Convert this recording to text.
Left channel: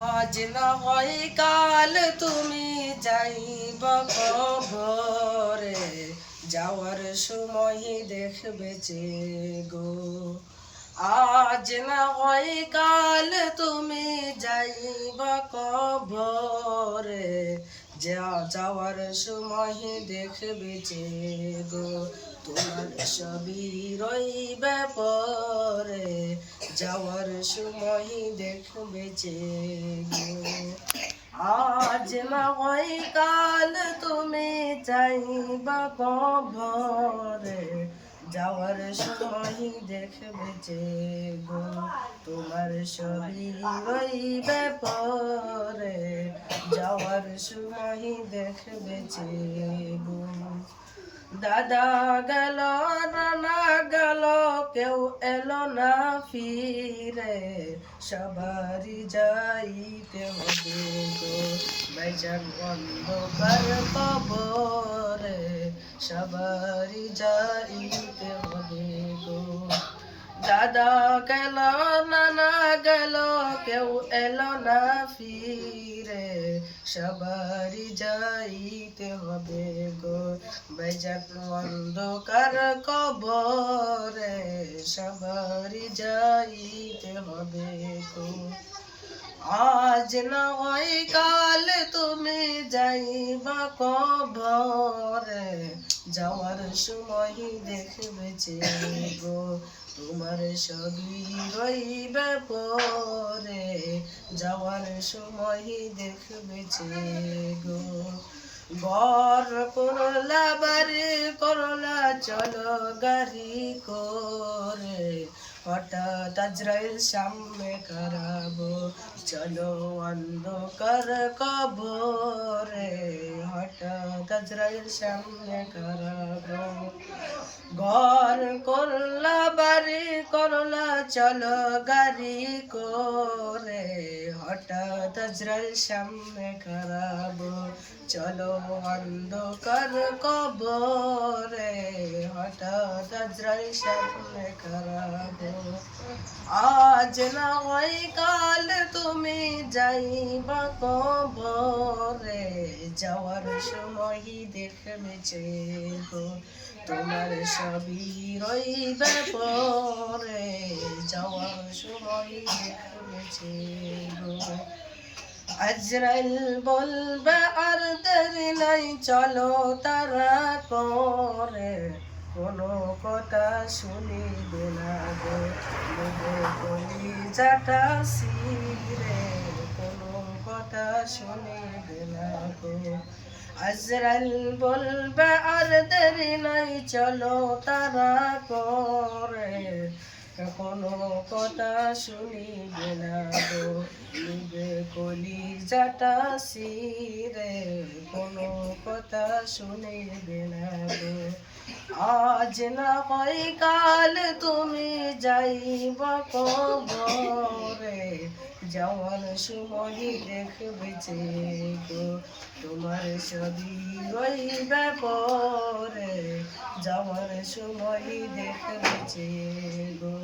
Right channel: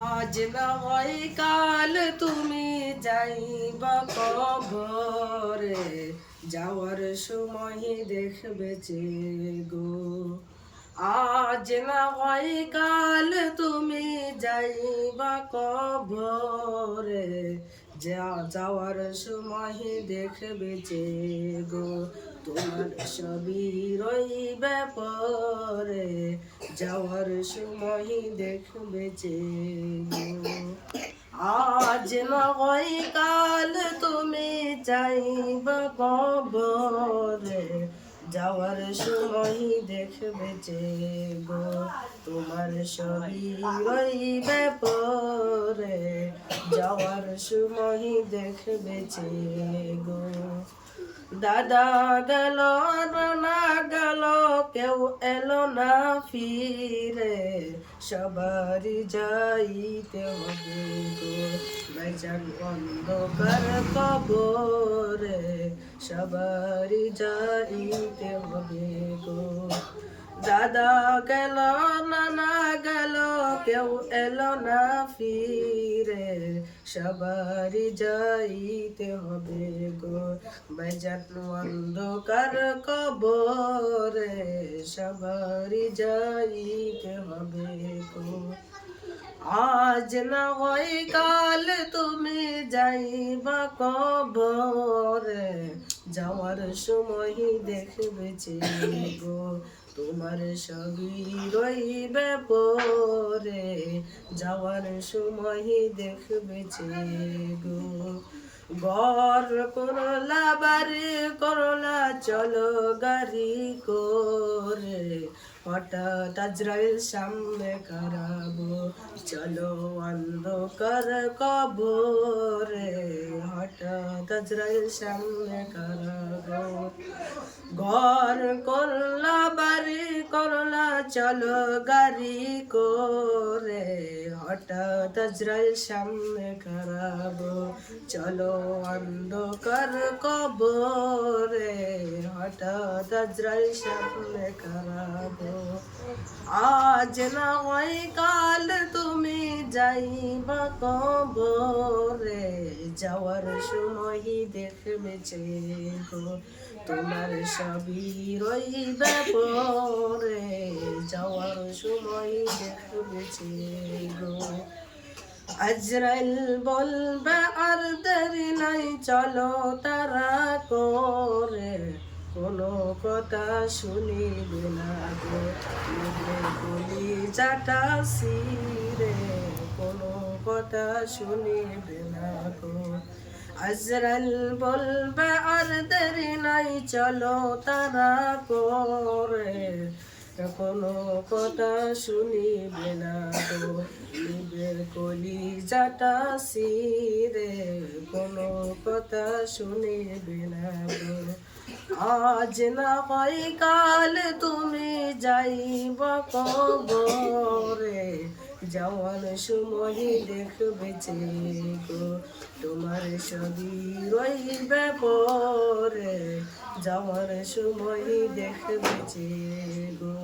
আজ না হয় কাল তুমি যাইব কবরে, যাওয়ার সময় দেখবে যে গো। আজ না হয় কাল তুমি যাইব কবরে, যাওয়ার সময় দেখবে যে গো। তোমার সবই রইবে পরে, যাওয়ার সময় দেখবে যে গো। আজ না হয় কাল তুমি যাইবা কবরে, যাওয়ার সময় দেখবে যে গো। তোমার সবই রইবে পরে, যাওয়ার সময় দেখবে যে গো। দাদা গেল নানা গেল, কেউ এলো না ফিরে, সবারই যাইতে হবে গো। ভাইজান অন্ধকার কবরে, সবারই যাইতে হবে গো। দাদা গেল নানা গেল, কেউ এলো না ফিরে, সবারই যাইতে হবে গো। ভাইজান অন্ধকার কবরে, সবারই যাইতে হবে গো। আজ না হয় কাল তুমি যাইবা কবরে, যাওয়ার সময় দেখবে যে গো। তোমার সবই রইবে পরে, যাওয়ার সময় দেখবে যে গো। ঘর করলা বাড়ি করলা চলো গাড়ি করে, হঠাৎ আজরাইল সামনে খারাবো, চলো অন্ধকার কবরে, হঠাৎ আজরাইল সামনে খারাবো। ঘর করলা বাড়ি করলা চলো গাড়ি করে, হঠাৎ আজরাইল সামনে খারাবো, চলো অন্ধকার কবরে, হঠাৎ আজরাইল সামনে খারাবো। আজ না হয় কাল তুমি যাইবা কবরে, যাওয়ার সময় দেখবে যে গো। তোমার সবই রইবে পরে, যাওয়ার সময় দেখবে যে গো। আজরাইল বলবে আর দেরি নাই, চলো তারা করে, কোনো কথা শুনিবে না গো। নেবে কলিজাটা ছিঁড়ে, কোনো কথা শুনিবে না গো। আজরাইল বলবে আর দেরি নাই, চলো তারা করে, কোনো কথা শুনিবে না গো। নিবে কলিজাটা ছিঁড়ে, কোনো কথা শুনিবে না গো। আজ না হয় কাল তুমি যাইবা কবরে, যাওয়ার সময় দেখবে যে গো। তোমার সবই রইবে পরে, যাওয়ার সময় দেখবে যে গো।